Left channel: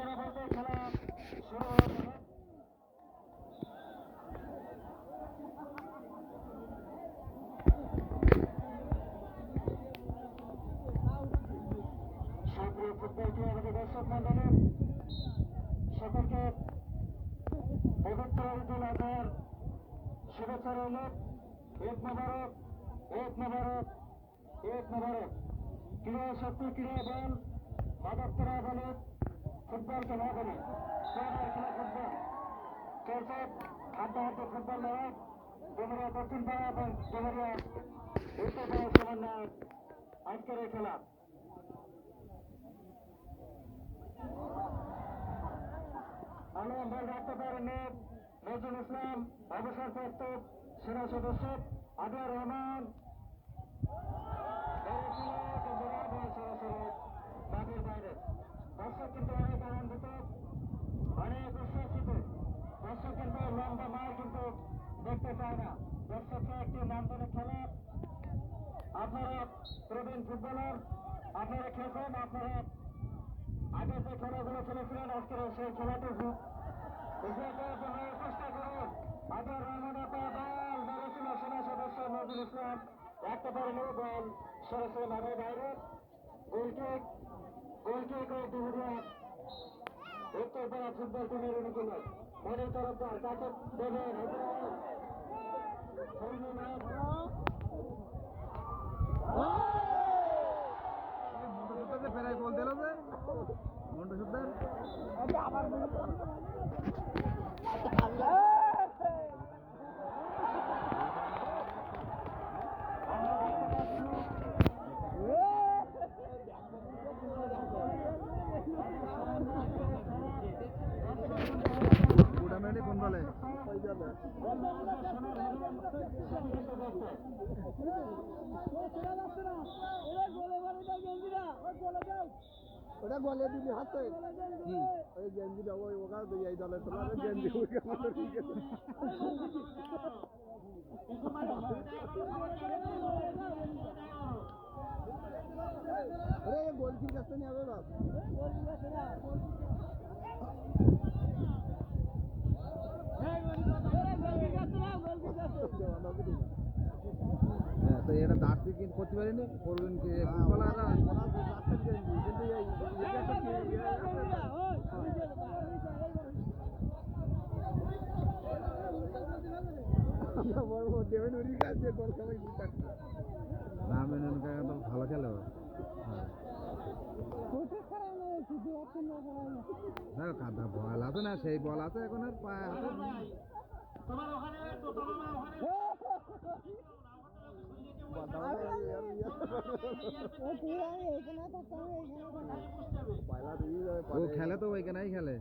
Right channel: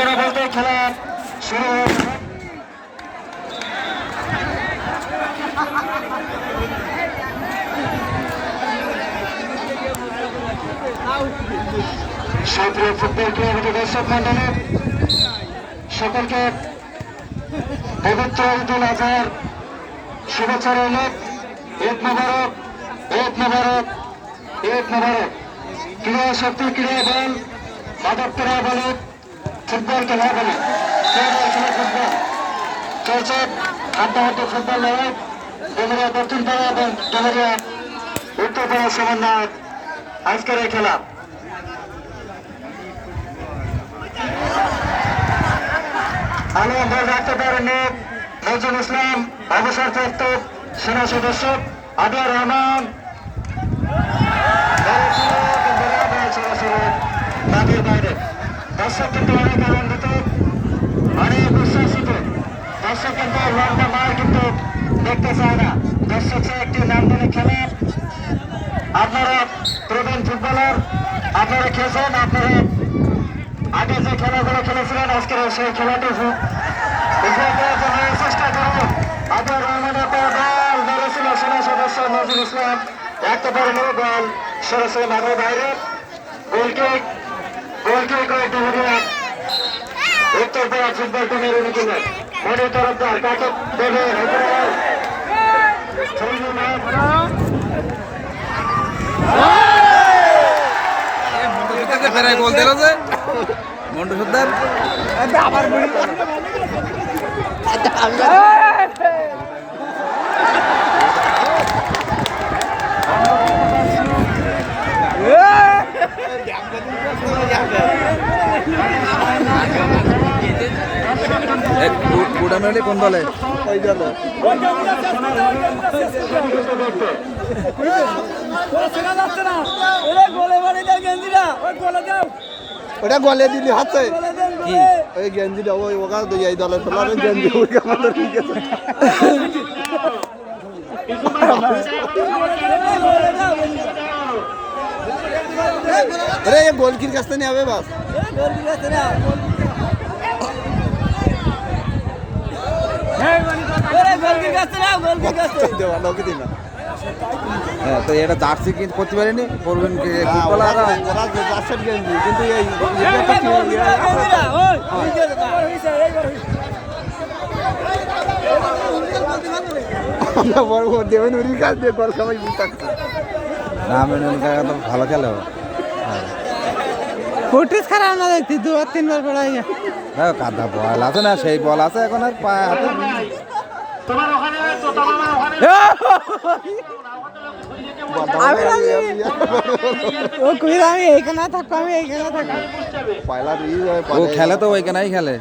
খেলা বলতে খেলা শুরু সুপ্রিয় ফুটবল ক্রীড়াবিদ দর্শক মন্ডলী, সকলকে পবিত্র ঈদুল আজহার শুভেচ্ছা রইল। ঈদ মোবারক ঈদ মোবারক ঈদ মোবারক। ক্রীড়া শক্তি ক্রীড়া বল মাদক ক্রীড়া ফুটবল খেলা বলে ফুটবল চলছে হাড্ডাহাড্ডি ফুটবল লড়াই ডুমুরিয়া দক্ষিণ পাড়া এবং উত্তর পাড়া আজকের এই খেলা। বল রাখতে পারেননি নজরুল ইসলাম, অবসরপ্রাপ্ত সেনা সদস্য আদিয়া রহমান বলেছিল, কিন্তু বরাবর সরাসরি মাঠের বাইরে দর্শক কিন্তু অনেক আনন্দিত। অনেক উচ্ছ্বাসিত। কিন্তু লম্বা মার দেখতে চায় না। দর্শক চায় একটি নামদানি খেলা। আপনারা প্রবীণ ফুটবলার, আপনারা খেলছেন, আপনারা আগে যে খেলাগুলো খেলেছিলেন, আজকের সেই খেলাটি চেষ্টা করুন আবার রহমানের বল ধরেছিল সেনা সদস্য নজরুল একেবারে নো বল সরাসরি মাঠের বাইরে। গোলকিক গোলকিক করে ডুবুরিয়া উত্তর পাড়া ফুটবল টিমের অনুকূলে মনে তরফদার কাকে দেবে ফেরায় গোল দিল যে মন্টু সর্দার কুড়ামেলি কোন দলে ওটা গলে দিলি হাতে। কি ওই গেঞ্জিটা ওই ওকা তো এই দলের ফেলার গেঞ্জি ওই আমাদের ঠিক আছে আরে গোলকির কাছ থেকে হবে বাস। তো এটা জার্সি কিন্তু করতে পারিনি পড়বেন কি ফুটবলার ওরা রাশের গেঞ্জি কিন্তু আমরা বড় বড় দেবেন কাজ দিয়ে গল সবাই রামেন কাকা তো ভালো খেলে। ফুটিস খারাপ না দেখছি দু আর তিনবার পড়াই হ্যাঁ কাদা বল আছে না সেই বল আছে এখন আর পায়ে হাতে। তোমার ওখানে তো তোমার ওখানে আমি ও কই আমি এইখানে থাকব আমি এইখানে থাকব। পয়লা রিজ হয় ও খেলে তো ওইখানেই খেলে।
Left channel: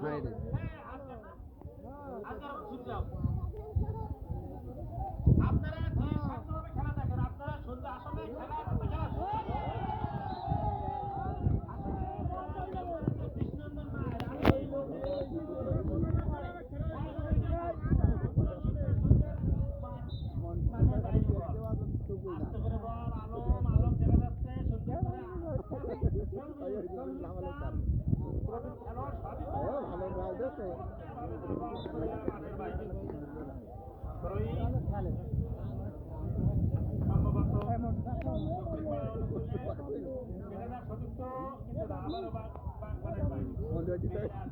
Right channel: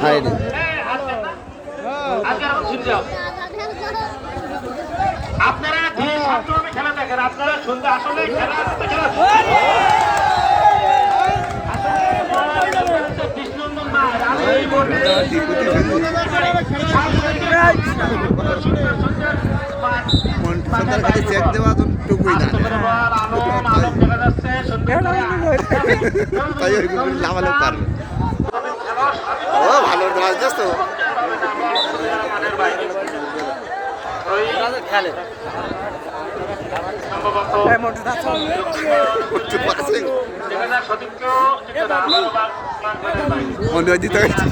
সাইডে। আপনারা খেলা দেখেন আপনারা শুনতে আসলে খেলা খেলা কৃষ্ণনন্দন মাঠ আমি এই কাছে চেক দেওয়া টুকুই না। তাই ওইগুলো পারবে ও ভালো মাছ যাস তো। মনে হয় দিতে গেছি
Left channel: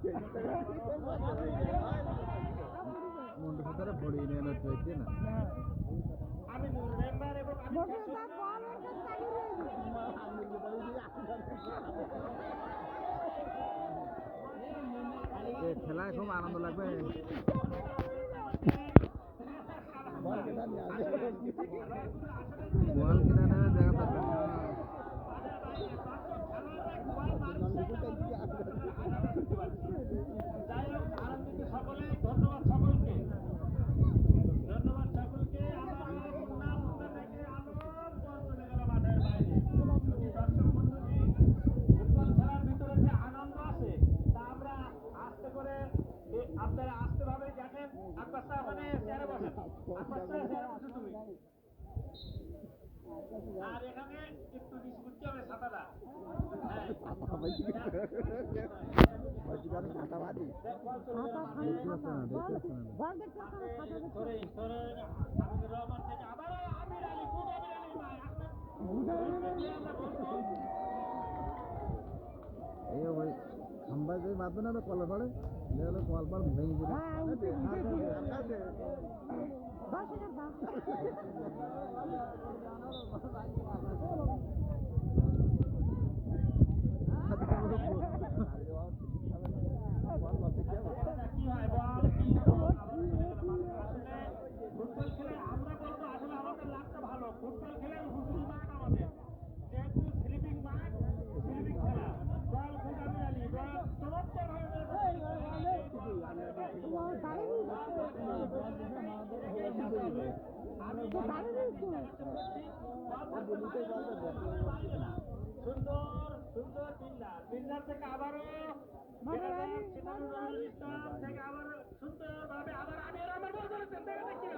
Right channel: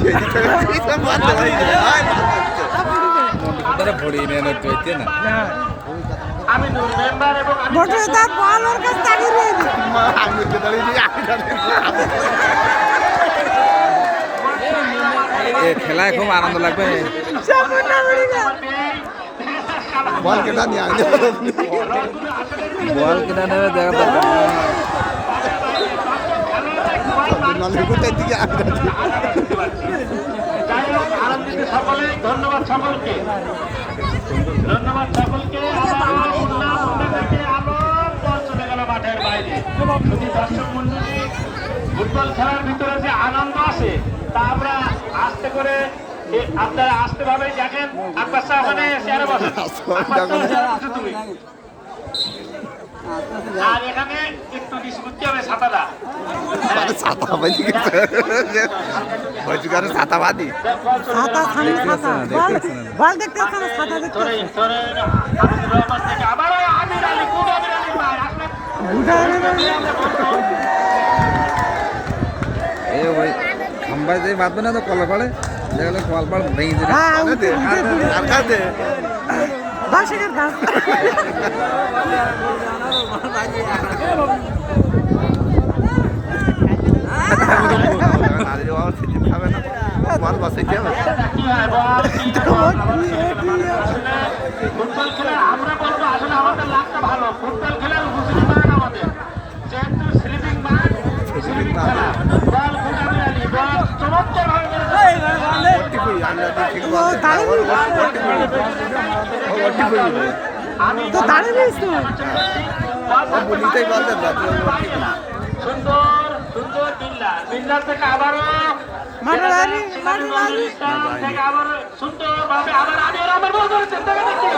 মারতে পারি না? আমি মেম্বার এবং কাছে রয়েছে আমি দাঁড়িয়ে আমি দাঁড়িয়ে খেলায় খুব আনন্দ লাগবে? বল কেটা নিয়ে বল কিনা নেবে দেখা দরকার নেই। কোথায় দিকে সকলে ধন্যবাদ সকলকে। ধন্যবাদ মাঠের বাইরে। শুধু দর্শক মন্ডলী ফুটবল খেলার ভিতরে যে আনন্দ আছে তা আমরা আস্তে করে আপনারা আস্তে ভাবে দেখেন। আব্বাস সাহেব ওখানে চেয়ারে বসেন। আব্বাস সাহেব, চেয়ারে বসো তুমি? আর এখানে একটু ডিসপুট হবে ছাতাটা। মানে ছাতা বাঁধি হয়েছে কারণ ছাতা বাঁধি ছাতা সামনে ছাতা। বল বল দেখতে পাচ্ছ ছাতা দেখতে ধরে ধরে রহমান থেকে আবারও আমির আলী কোন আমির আলী ভাই আসলে এ ওই খাম্বায় যে বাঁধবে না তো কলা পাড়ে দেখলে ভেঙে দিলে বাসের গাছ ফুটবল খেলা আমরা বলব আসলে আমাদের লাভটা ভালো ফুটবল খেলার উপযোগী মান আমাদের যেহেতু স্লিপিং মান স্লিপিং খেলা বল কোন আমির বল চমৎকার ভাবে ও দাঁড়িয়ে আমি তো দাঁড়িয়ে তো বুঝতেই পারলেন না সুন্দর সুন্দর বিল্লা। বিল্লার থেকে আবারও মাঠে দাঁড়িয়ে মাঠে দাঁড়িয়ে ইসলাম থেকে আবার সুন্দর ভাবে আবার আমি আমার বল ধরেছেন দেখে দেখতে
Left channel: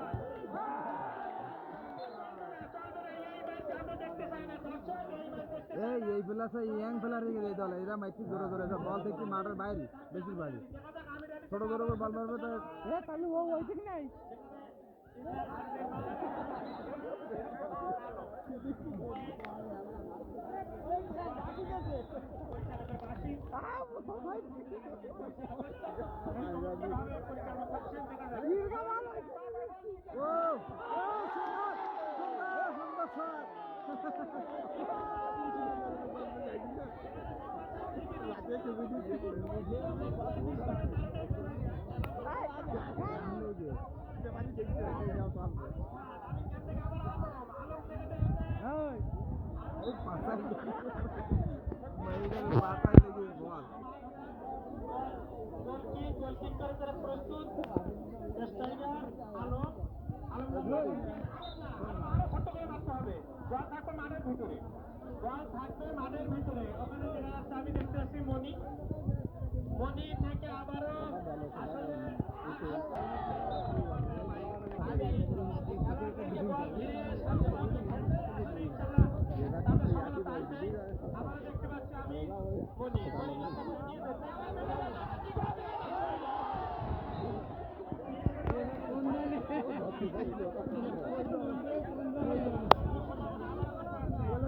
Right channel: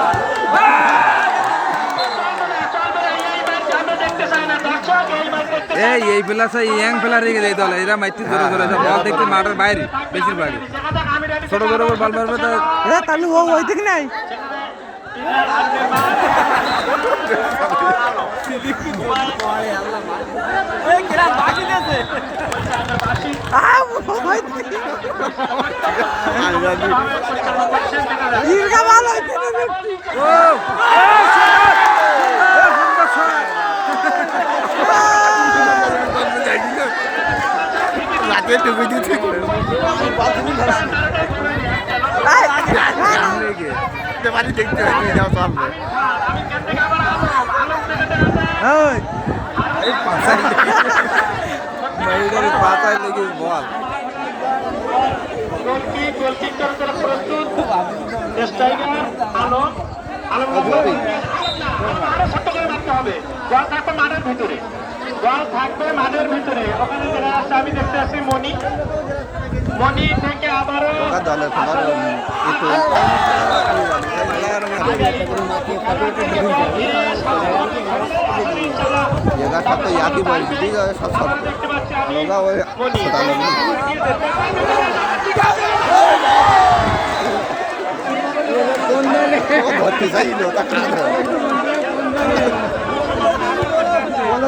এই এই ইয়াং প্লেয়ার রেখে দেয় দল এরা মাইতি ধরে ধরে সব বল দেখতে মাঠের বাইরে আলী ছোট ছোট বল মারবে তো। তাহলে ও ওই দিক নাই ইরগা ভালো রাতে ডুবে দেখতে পাঁচাই লেগে বল আলম আরও ছোট্ট করে মারতে হবে মাঠের ভিতরে বল থাকবে মাঠের ভিতরে। ওখানে দেখা যাচ্ছে আমি দেখতে আসছি মনি মনি থেকে আবারও দেখতে পাচ্ছি আমি মনি ও ভর্তি চাইল ওটা কাজ ওটা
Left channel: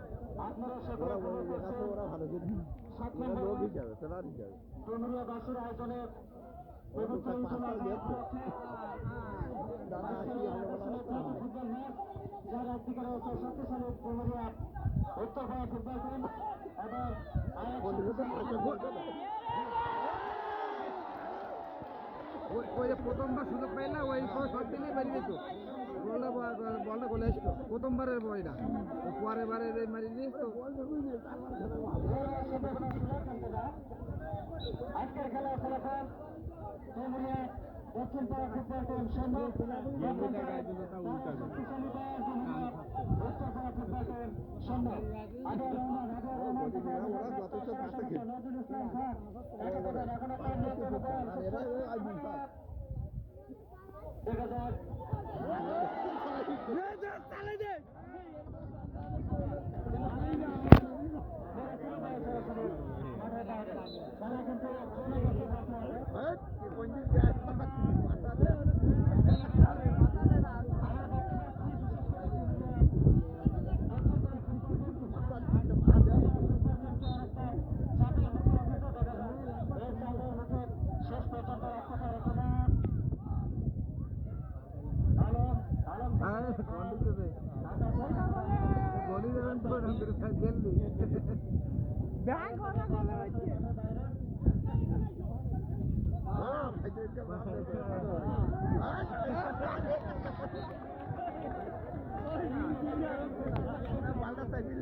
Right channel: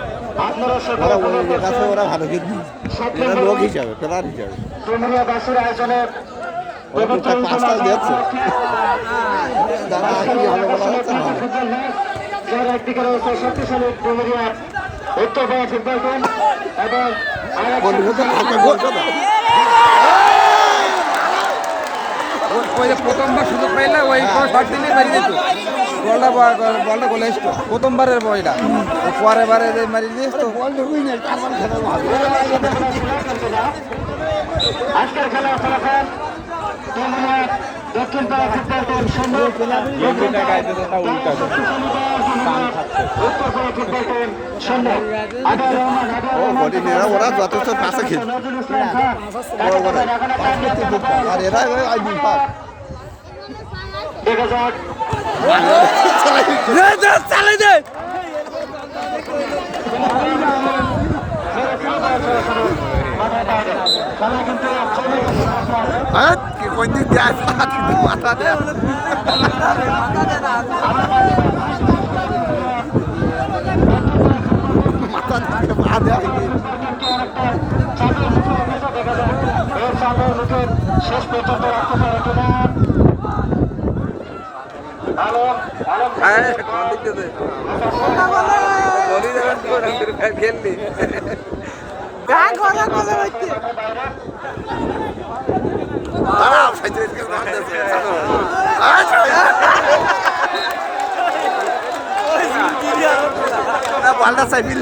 ওরা ওই কাছে ওরা ভালো খেলবে এরা লোক হিসাবে প্লেয়ার হিসাবে। ওরা কোথায় পাঁচটা দিয়েছে। যারা কি হবে বলা হচ্ছে না ফুটবল যার একদিকে রয়েছে শক্তিশালী ডুমুরিয়া ফুটবল টিম এবং না ওই যে প্রথমবার সুযোগ পাইলে ওই কোনো শট দিলে মারি দিত। বলটা বা- বলটা গোলে এসতো প্রথমবারের বইটা ও পরে বারে যে মারি দিস তো। খেলা আজকের ফলাফল ডুমুরিয়া দক্ষিণ পাড়া ফুটবল ওরা যথেষ্ট পাশে আর এরা দেখা যাক। চালাই দে কি কোন যায় মাথা দেয় মাথা শেষ পর্যন্ত রাখতে পারে কিনা পাল্টা চাইবি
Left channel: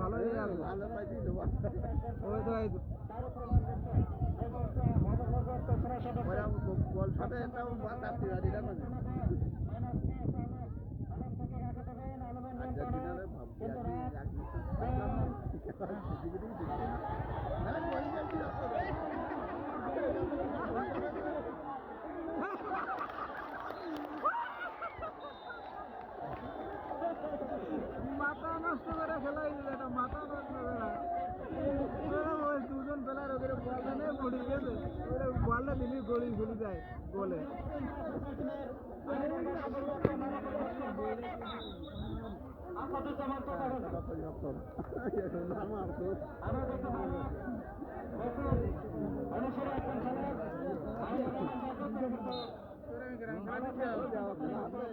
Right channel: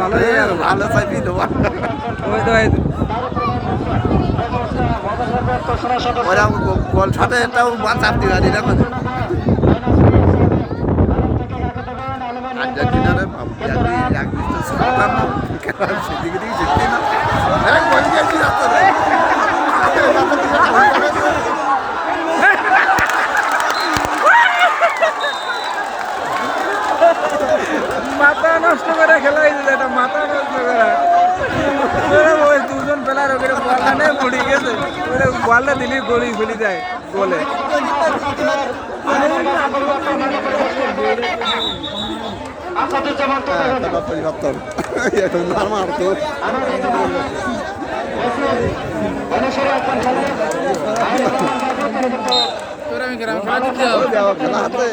ভালো গেল ভালো চাইবি ওই তো। মাথা নষ্ট করে খেলাই দিল এটা মাথা নষ্ট করে। প্লেয়ার ওকে বলটা নেই পড়ে গেছে ওরা বলটা দিলি যায় যাওয়া খেলা হাতে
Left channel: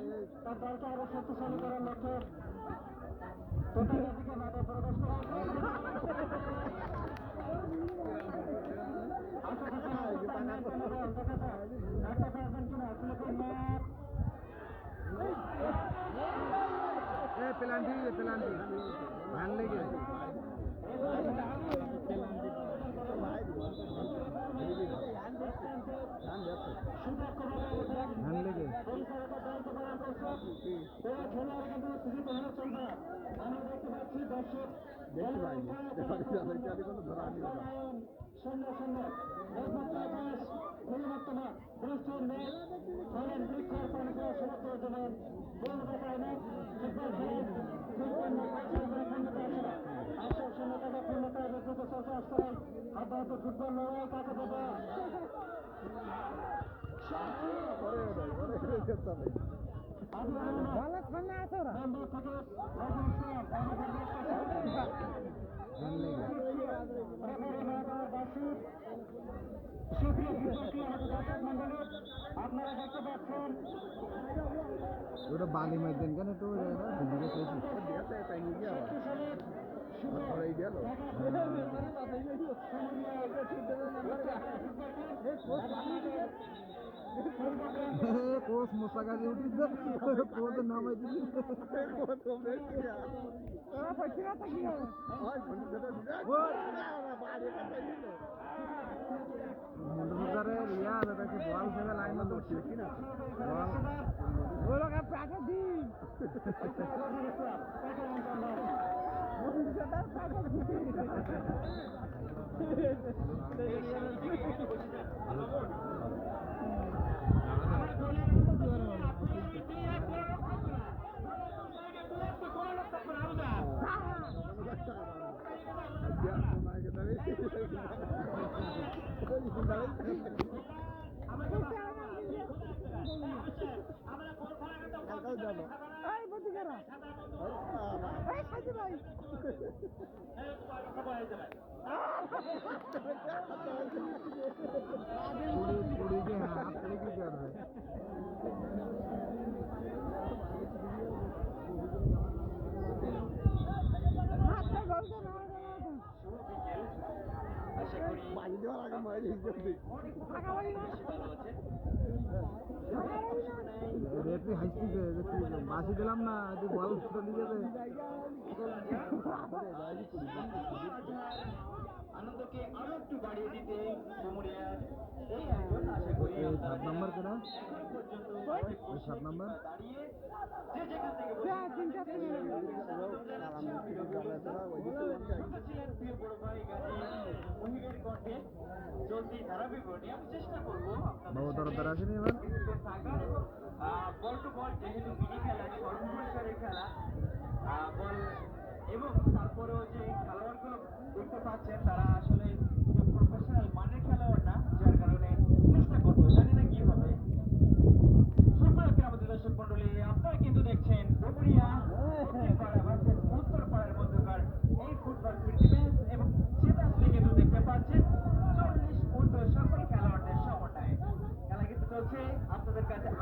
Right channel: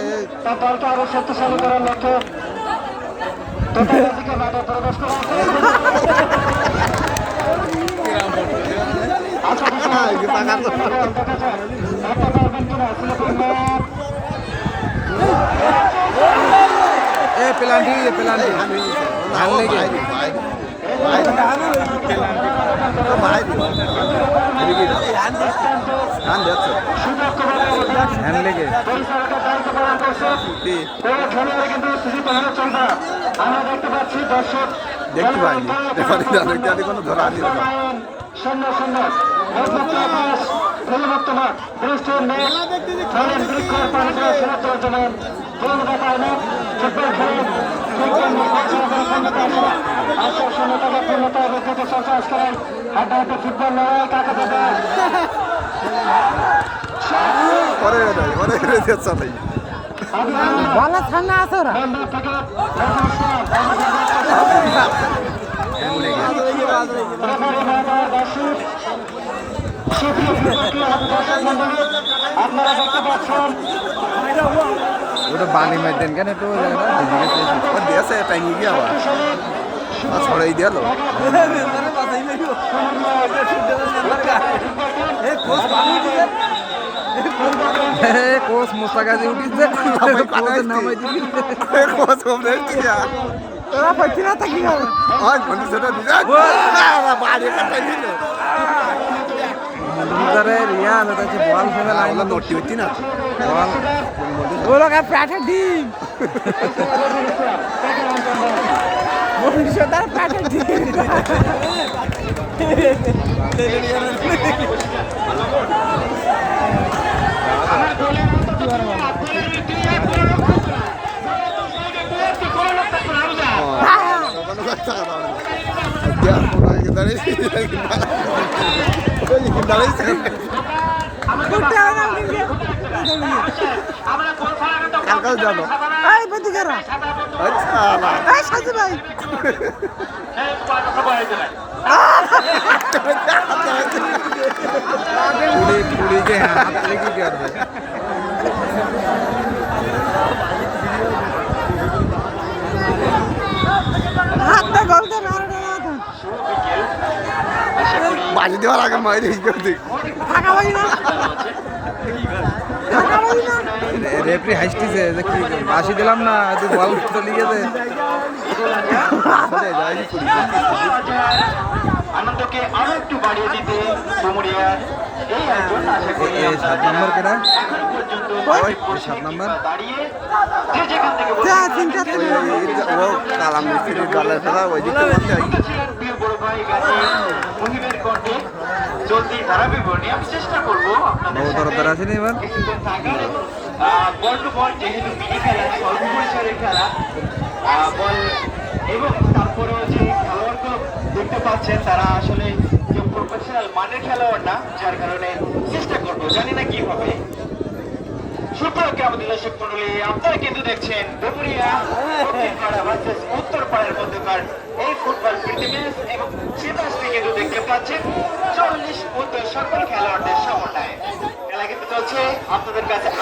তার দলকে আরও শক্তিশালী করার পাকা তো একটা পারবেন কিনা সিলেকশন এ পেলান্টি পেলান্টি। ভালো লেগে আমরা দেখতে পাচ্ছি দর্শক দেখতে পাইনি। দেখতে কোনো ধরা দেখায় না ফুটবল লড়াই কাকে দেবে পরে পরে যাচ্ছে তাই বলার আছে ওরা মেম্বার থেকে হ্যান্ড লেগে আপনারা দেখতে পাচ্ছেন ওটা বালি মার দেন কেন একটু ওই জায়গাটা? ভিজে গেছে দিয়েছে টাইনি গিয়ে আবার। ছড়াই দিয়ে এ, কোচ মোস্তাকাজি উঠিছে। কোচের নামাই দিবি। কোচ কমরে দিয়া ওরা পাচ্ছি না তা কি হবে? আর কোন সেটা দিছে বাড়ি কাটাই দিল। ভিতরে রিয়াল ওটা হচ্ছে বল ফেলে আইলা নটি হইতি না বল ওরা কা প্যাটে ডিম মনীষদার প্যাটে ডিম কোনো পুলিকে হাত লেগে কি করবে হাতটা গলতে মারো না তো বাড়ি দেওয়ার আগে ফাঁকা রেফরি হাসতেছে যে কি বাসি দিলাম না তুই বল চলে গেছে আনন্দকে আরও একটু বাড়িয়ে দিতে কুমুরিয়ার সাত নম্বর কেনা ওই সাত নম্বর। দাঁড়িয়ে যে যেখান থেকে যা তিন চারটে ও কালাম মিস্ত্রি দলের খেলা ওই দিকে। ভাই গাজী মুহিবের কণ্ঠে চলতি ধারাবিবরণী আমি চেষ্টা করব আপনাদের এবার? বল টু বল যেহেতু মিনি খেলা স্বল্প পরিসরের খেলা আহ, বল এবং তারপরেও যে খেলোয়াড়গুলো দেখতে পাচ্ছেন তারা আসলে যে প্রফেশনাল মানের খেলোয়াড় না যার কারণে চেষ্টা করব। জানি না কি হবে। সুপ্রকে আমাদের দর্শক মন্ডলী আপনারা কিন্তু দেখছেন ডুমুরিয়া দক্ষিণপাড়া ভার্সেস উত্তরপাড়ার মধ্যকার এই ফুটবল প্রীতি ম্যাচ এবং সে ম্যাচটি কিন্তু দেখতে পাচ্ছেন চল্লিশ উত্তর সকল খেলোয়াড়দের সমন্বয়ে। খেলা কিন্তু চলছে আপনাদের কাছে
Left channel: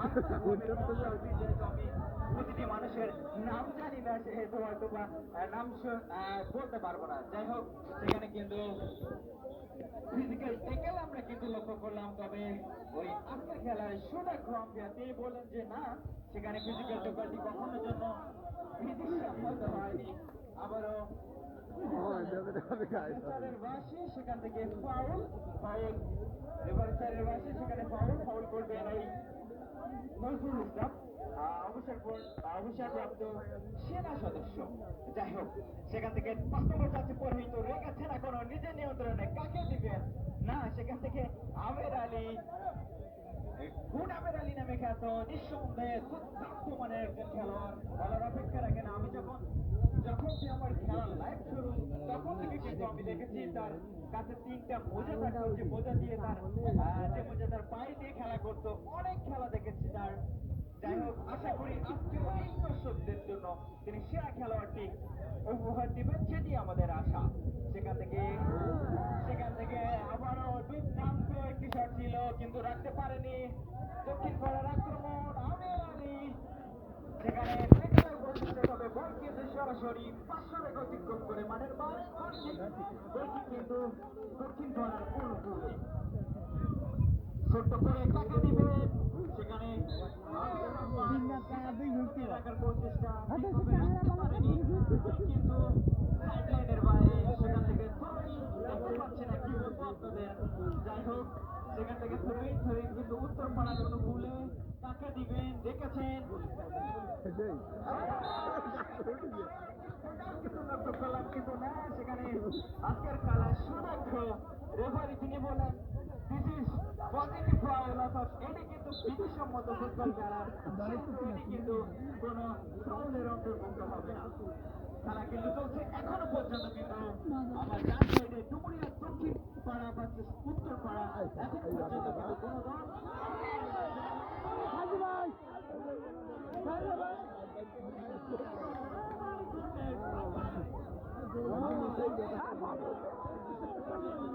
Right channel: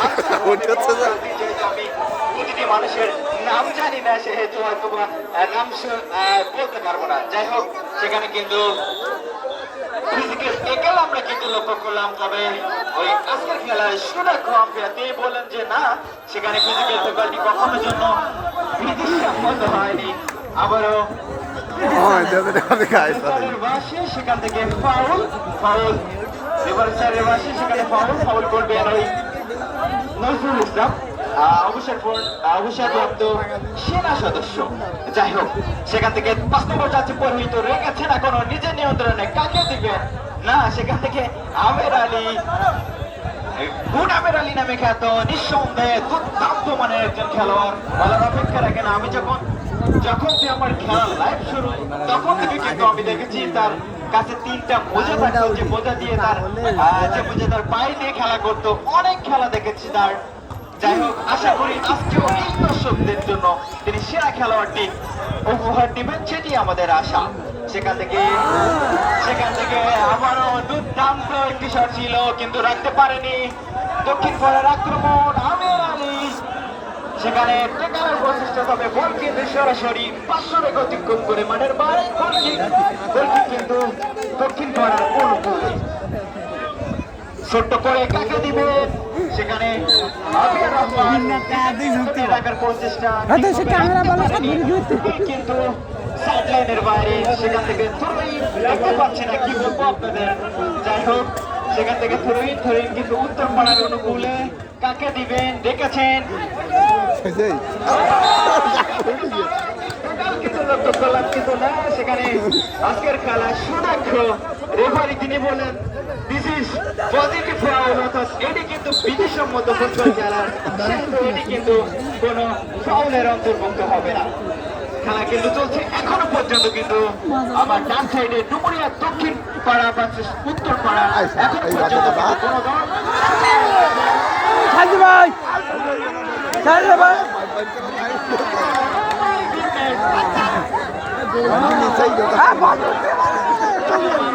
আমি প্রতিটি মানুষের নাম জানি না সেহেতু হয়তো নাম বলতে পারব না। যাই হোক সেখানে কিন্তু ফিজিক্যাল একাল আমরা কিন্তু লক্ষ্য করলাম তবে ওই আজকের খেলায় সুনাক্ষ আম্পায়ার তিনি বললেন যে না সেখানে ফিজিক্যাল পেপারটি কখনোর জন্য বিধিসম্মত হয়নি। আবারও হয় সেখান থেকে ফাউল ফাউল রেফারি স্যারের বাসে সেখানে ফাউল ফাউল করবেন ওই নজরুল ইসলাম। অবসরপ্রাপ্ত সেনা সদস্য। যাই হোক, সেখান থেকে পাঁচ নম্বর যাচ্ছে পরিহিত রেখেছেন এখনও নিজের নিয়ন্ত্রণে কাকে দিবেন না, সেখান থেকে আমের আলী। আলী নামে খ্যাত, নিঃসন্দেহে দুর্দান্ত মানের একজন খেলোয়াড়। বলার অপেক্ষা রাখে না আমি যখন যখন থেকে আমার খেলা লাইভ শুরু, তখন থেকে কিন্তু আমি দেখেছি তার কাছে তিনটা মোজা থাকতো যে মোজা দিয়ে তার যে মোজা তার পায়ে দিয়ে খেলা করতো। অনেক খেলা দেখেছি তার। যাই হোক, আশা করি আজকেও এই দর্শকদের জন্য তিনি সেরা খেলোয়াড়টি উপহার দিবেন, সেটি আমাদের আশা। সেখান থেকে সেখান থেকে আবারও দুর্দান্ত একটি শট ছিল, কিন্তু রাখতে পারেনি। দক্ষিণ পাড়ার আক্রমণ, আমের আলী। সেখানে টেকানোর প্রচেষ্টা তবে বল কিন্তু সরাসরি পাঁচশোরে অতিক্রম করে মাঠের বাইরে গোলকিক কিন্তু দক্ষিণ পাড়ার অনুকূলে। ছোট্ট করে কাকে দিবে সেখানে রাখার প্রচেষ্টা। ঘুরতে। কিন্তু সাইড লাইনের বাইরে সেখান থেকে থ্রোইন দেখতে পাচ্ছি না কি বলব আপনাদের? যাই হোক সেখান থেকে থ্রোইন থ্রোইন কিন্তু উত্তর পাড়ার অনুকূলে কাকে দিবেন দেখেছেন কিন্তু না সেখানে আজকের খেলা সুদক্ষ রেফারি তিনি বলেন দিস ইজ পজিটিভ ফাউল অর্থাৎ এটি কিন্তু বিধিসম্মত ফুটবল খেলার সেহেতু এটি কিন্তু কোনো ফাউলের অন্তর্ভুক্ত হবে না। খেলা কিন্তু চলছে এখনও পর্যন্ত কিন্তু আমার ডান সাইডে ডুমুরিয়া দক্ষিণ পাড়া ভার্সেস উত্তর পাড়া এখন পর্যন্ত কোনো দল ভাই! ভাই! ব-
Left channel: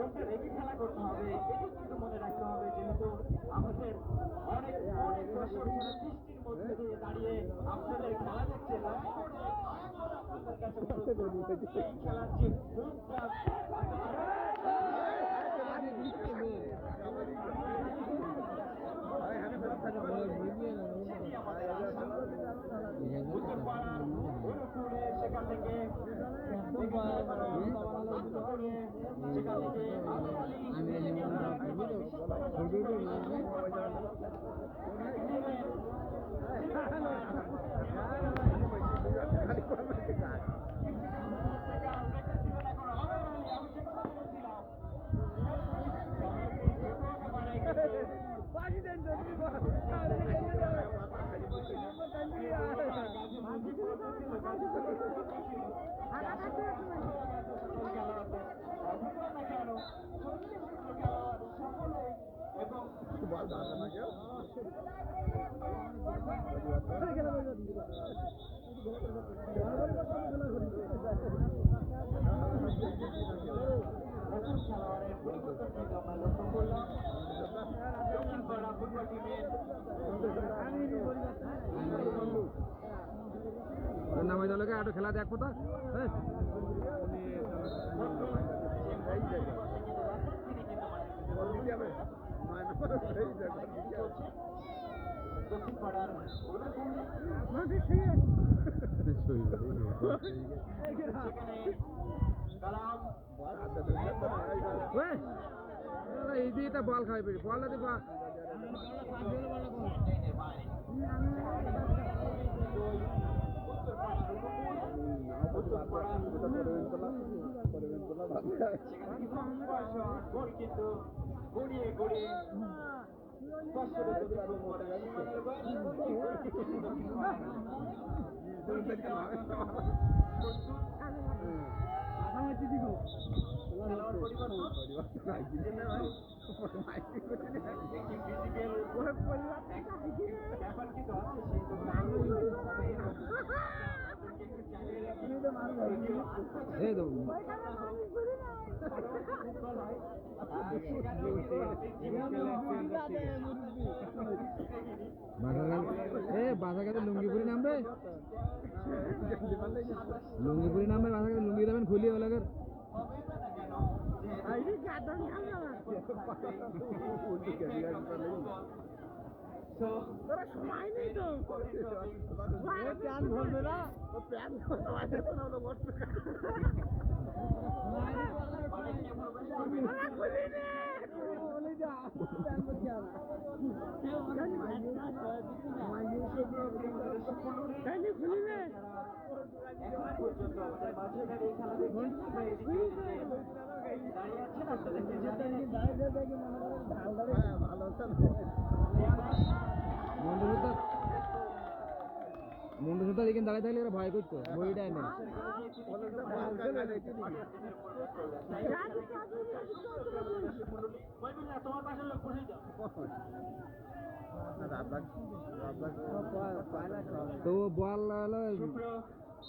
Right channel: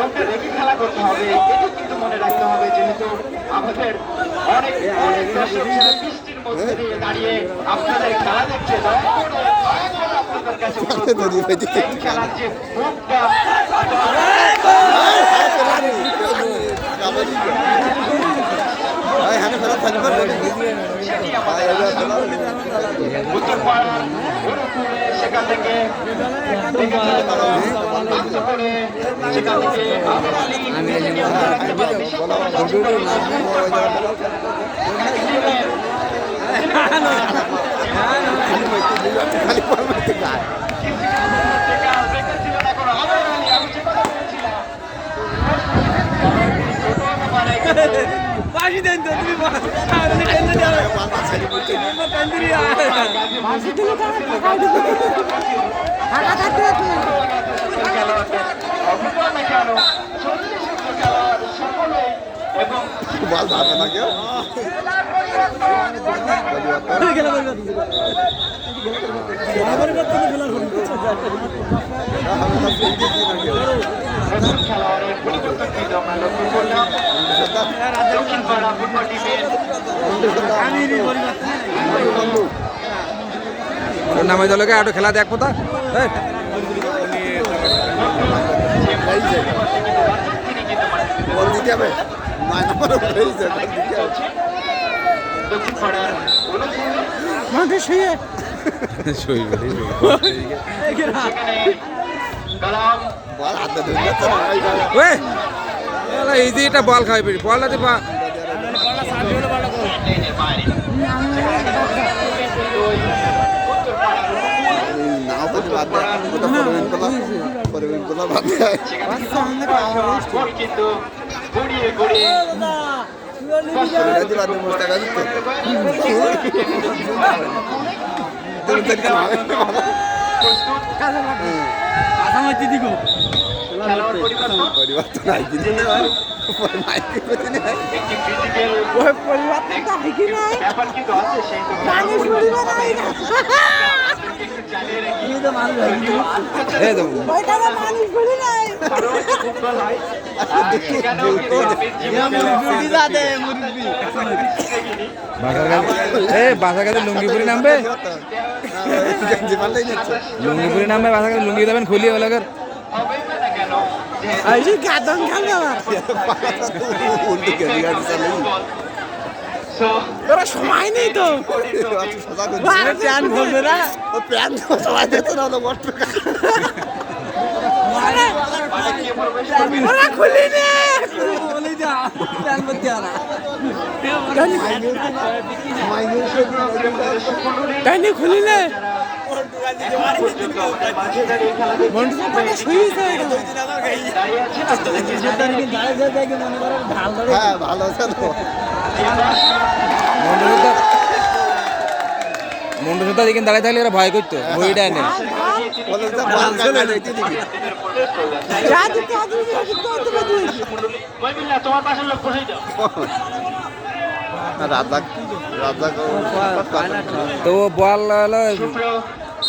দলকে রেখে খেলা করতে হবে এটি কিন্তু মনে রাখতে হবে যেহেতু আমাদের অনেক অনেক দর্শক যারা বৃষ্টির মধ্যে দিয়ে দাঁড়িয়ে আপনাদের খেলা দেখছে আপনাদের কাছে খেলার যে মুখটা হ্যাঁ ফেরত ছোট মানে কিন্তু পাশি দেন তো তুমি মাসি দিলে বল ভাবে না কেউ প্রথম খেলোয়াড়ের পরিবর্তন কিন্তু আমরা লক্ষ্য করলাম দক্ষিণ পাড়া ফুটবল টিমের তোর নামে দলকে আটো খেলা দেখব তা এই, তিনি কিন্তু মাঠে বল দিতে হবে শুয়ে বল এই যে এটা বল খাই বলটা দিবা লেনের বাইরে এই নাও তো বাদ দেয়। ওটা পরিবেন করলাম, পরিবেন করলাম, বাদ দেয়। কিন্তু গড়িয়ে গড়িয়ে পরিবেন দিয়ে বাদ দিয়ে বসে থাকা যেত। তুমি তো এখানে হবে না। প্রস্তুত খেলোয়াড় পরিবর্তন আরও লুঙ্গিপুরি নামবে? লুঙ্গিপুরি নামবে বাসার কাছে লুঙ্গি দেবেন খুলিয়ে বলে যে গাদন খেলবে তোরা সময় নেই তো। সোজা করে বারে প্যান বলবে না? ও প্যান্ট তো সবাই দিতে না, ওটা বট খুলি নে। তাইনি খুলি নে। পর্যন্ত আমাদের মাঝে দাঁড়িয়ে খেলা দেখছেন। শুয়েছে এখানে দাঁড়িয়ে আছেন আপনাদেরকে জানিয়ে রাখি, হ্যাঁ, ভালো আছে তো। মন্ডসুদ্ধা মন্ডসুদ্ধা দিকে দাঁড়িয়ে থাকলে এরা ভয় করতো আদু দিতে তো বল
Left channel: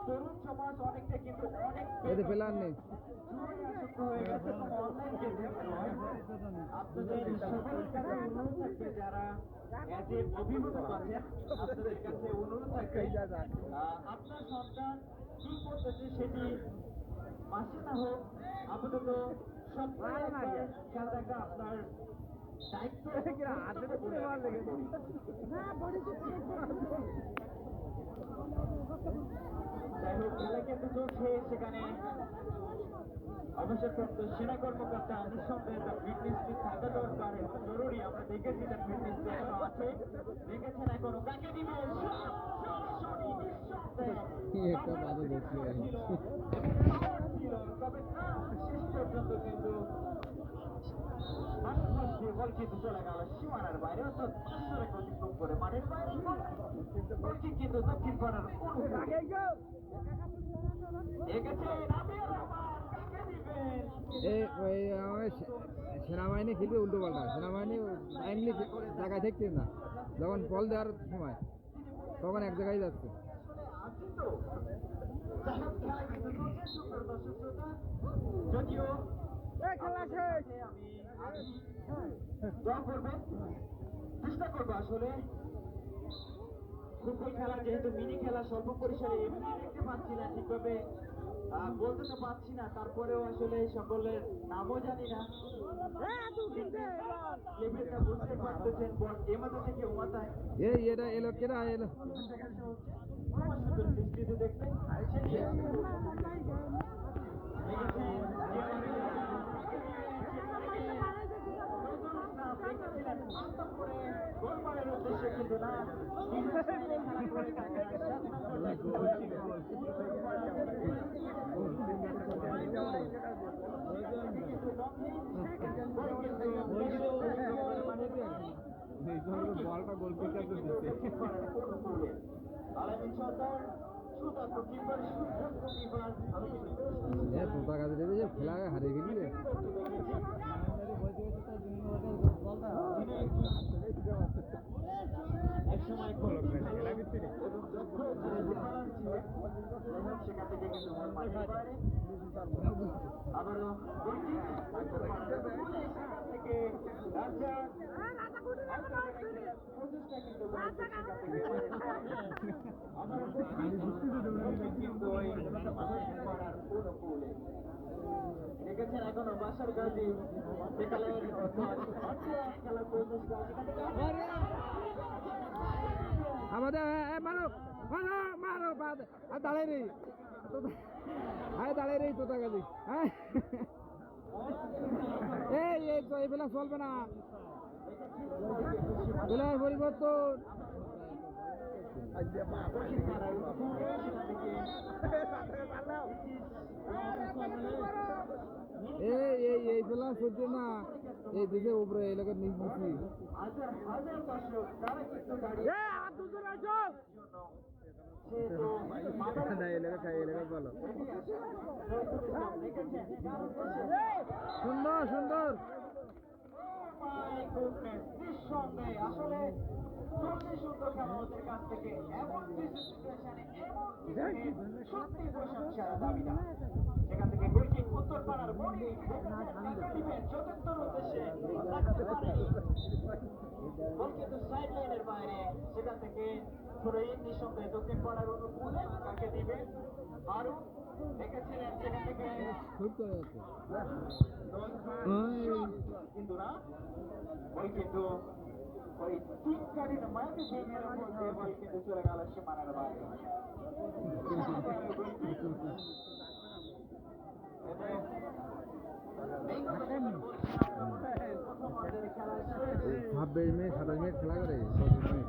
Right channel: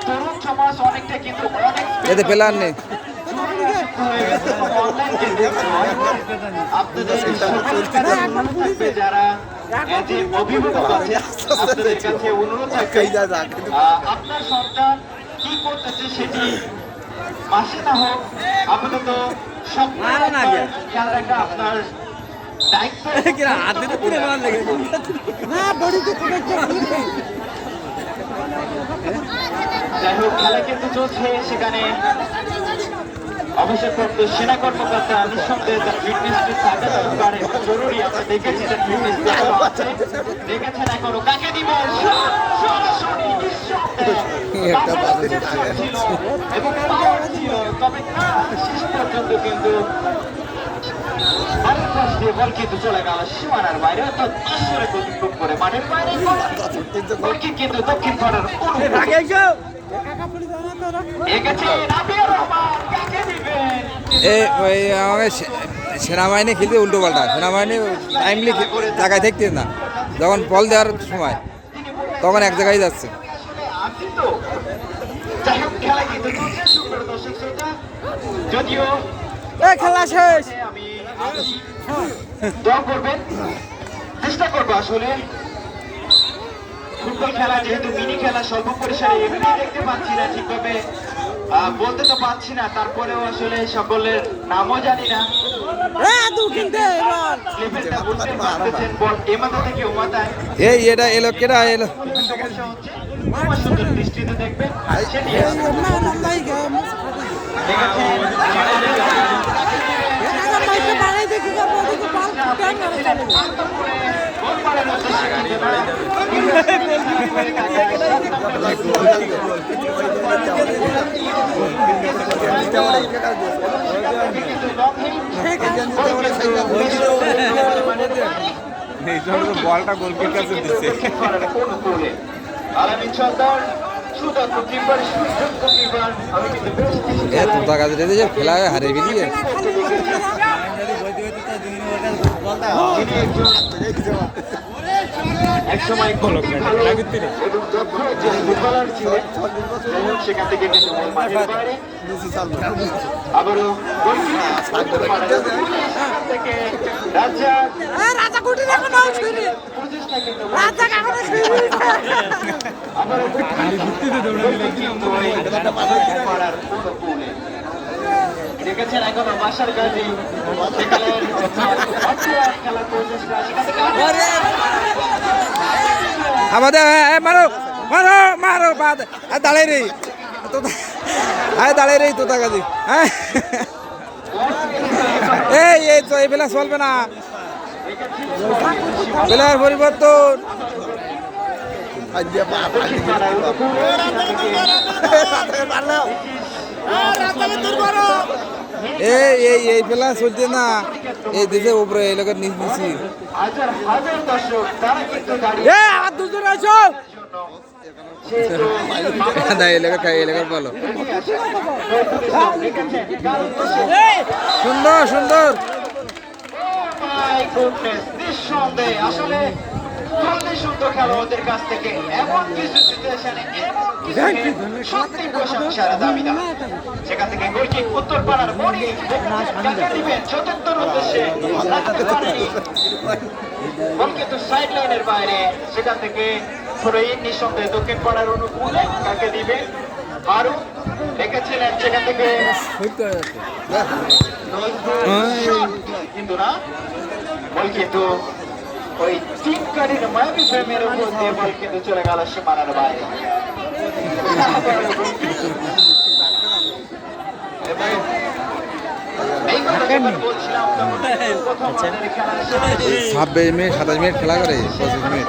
তরুণ সমাজ অনেকটা কিন্তু অনেক এতে পেলার নেই যারা আপনার সন্তান কি করতেছে সেটি মাসে না হোক আপাতত সপ্তাহে খেয়াল রাখা আপনার দায়িত্ব যাই হোক খেলা কিন্তু চলছে। সেখানে অবসরপ্রাপ্ত সেনা কর্মকর্তা নিঃসন্দেহে তার ফিটনেসটি থাকা দরকার এবং জরুরি আমরা দেখেছি তার ফিটনেস আছে দেখেছেন এখনও কাকে দিবে? এবং ছিল। তবে শেষ পর্যন্ত কিন্তু বারের পাশ দিয়ে বল সেনাবাহিনী খেলতে উল্টো পাল্টা। সেনাবাহিনী টাইমলি জায়গায় থাকতে না। যখন বল দেওয়ার সময়, তখন এক জায়গায় যাচ্ছে। খেলা শেষ! দোয়া করবেন। চেষ্টা করব আসলে। ফুটবল খেলা যেহেতু মিনি খেলা স্বল্প পরিসরে এমনি দেখতে পাচ্ছি না ঠিকভাবে। বলতে তো পাচ্ছি না তারপরেও আসলে সকলের নামও জানি না। মাথায়। এই এটা এলো কেটা এলো। দৃষ্টিতে দেখবেন। সুযোগ্য কিপার। আমি কিন্তু বেশ কিছু এ তোতা কাছে খেলা হারিয়ে বেরিয়ে একসময় ভালো এবং দক্ষ যে ফুটবলার ছিলেন সেখান থেকে কিন্তু আবারও পাড়ার সেখান থেকে রাজ্জাক রাজা কুটি এখন প্রচেষ্টা কিন্তু রাজা আবারও গোলকিপার কিন্তু এই পাড়ার অনুকূলে দেখেছেন এখনও বাসার সেখানে আমাদের মারো মারো মারো বাদ আর দাঁড়াই রে তো আয় দাঁড়াই রে তোতা কাজী হ্যাঁ এই এই তো এই বেলা চলবে না বেলার পরিবর্তন এই এই এই বেলা চলছে না এই দেশে উপরে এই লোকের নিচ এ আর দুজন ভালো সুন্দর সুন্দর আসলে খুবই সুন্দর খেলোয়াড়দের কাছ থেকে এমন কিছু সিচুয়েশনে এমন কিছু সত্যি প্রশংসার দাবিদার সেখান থেকে গোলকিক উত্তর পাড়ার মনি কাকে দিবেন চতুর্থর উদ্দেশ্যে। কিন্তু সাইড লাইনের বাইরে সেখান থেকে থ্রোইন নিঃসন্দেহে দক্ষিণ পাড়ার অনুকূলে কাকে দিবেন আরও রেখেছিলেন সেখান থেকে। কিন্তু না। বল কিন্তু ওই চিপকারির মায়াবী ফ্রেমের উপর দিয়ে বল কিন্তু চলে গেল সীমানার আচ্ছা। বাইরে ছাব্বিশ মিনিট সাতাশ মিনিট খেলা করে পঁচিশ মিনিট।